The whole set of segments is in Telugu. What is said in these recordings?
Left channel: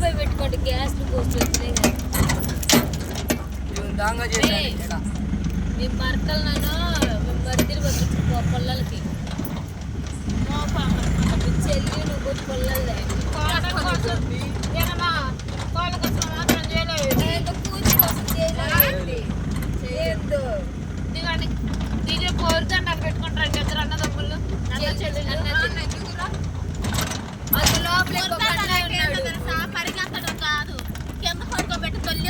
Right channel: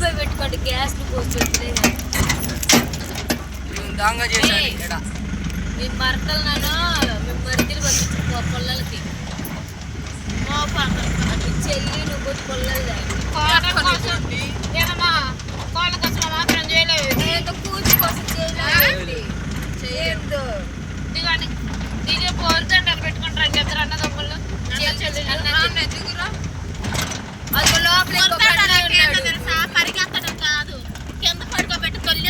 పెట్టుకోండి గ్యాస్ మీ భర్తలు నన్ను మీ మరిదిలు పంపించు మా పొల్లలకి చెల్లి నువ్వు పొల్లలు కూర్చుకోసం చేయలేదు పెట్టుకుంటారు చెల్లి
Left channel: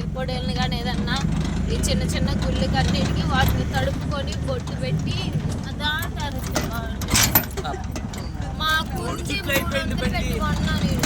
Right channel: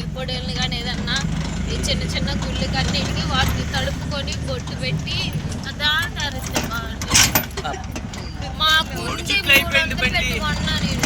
ఎగ్గొడేలు కానీ ఏదన్నా ఈ చిన్న చిన్న గుళ్ళు కన్నీ వాటిని తడుపుకొని బొట్టు పెట్టి దాని తరస్తే మాకు ఉంటే మూడు వందలు పెట్టి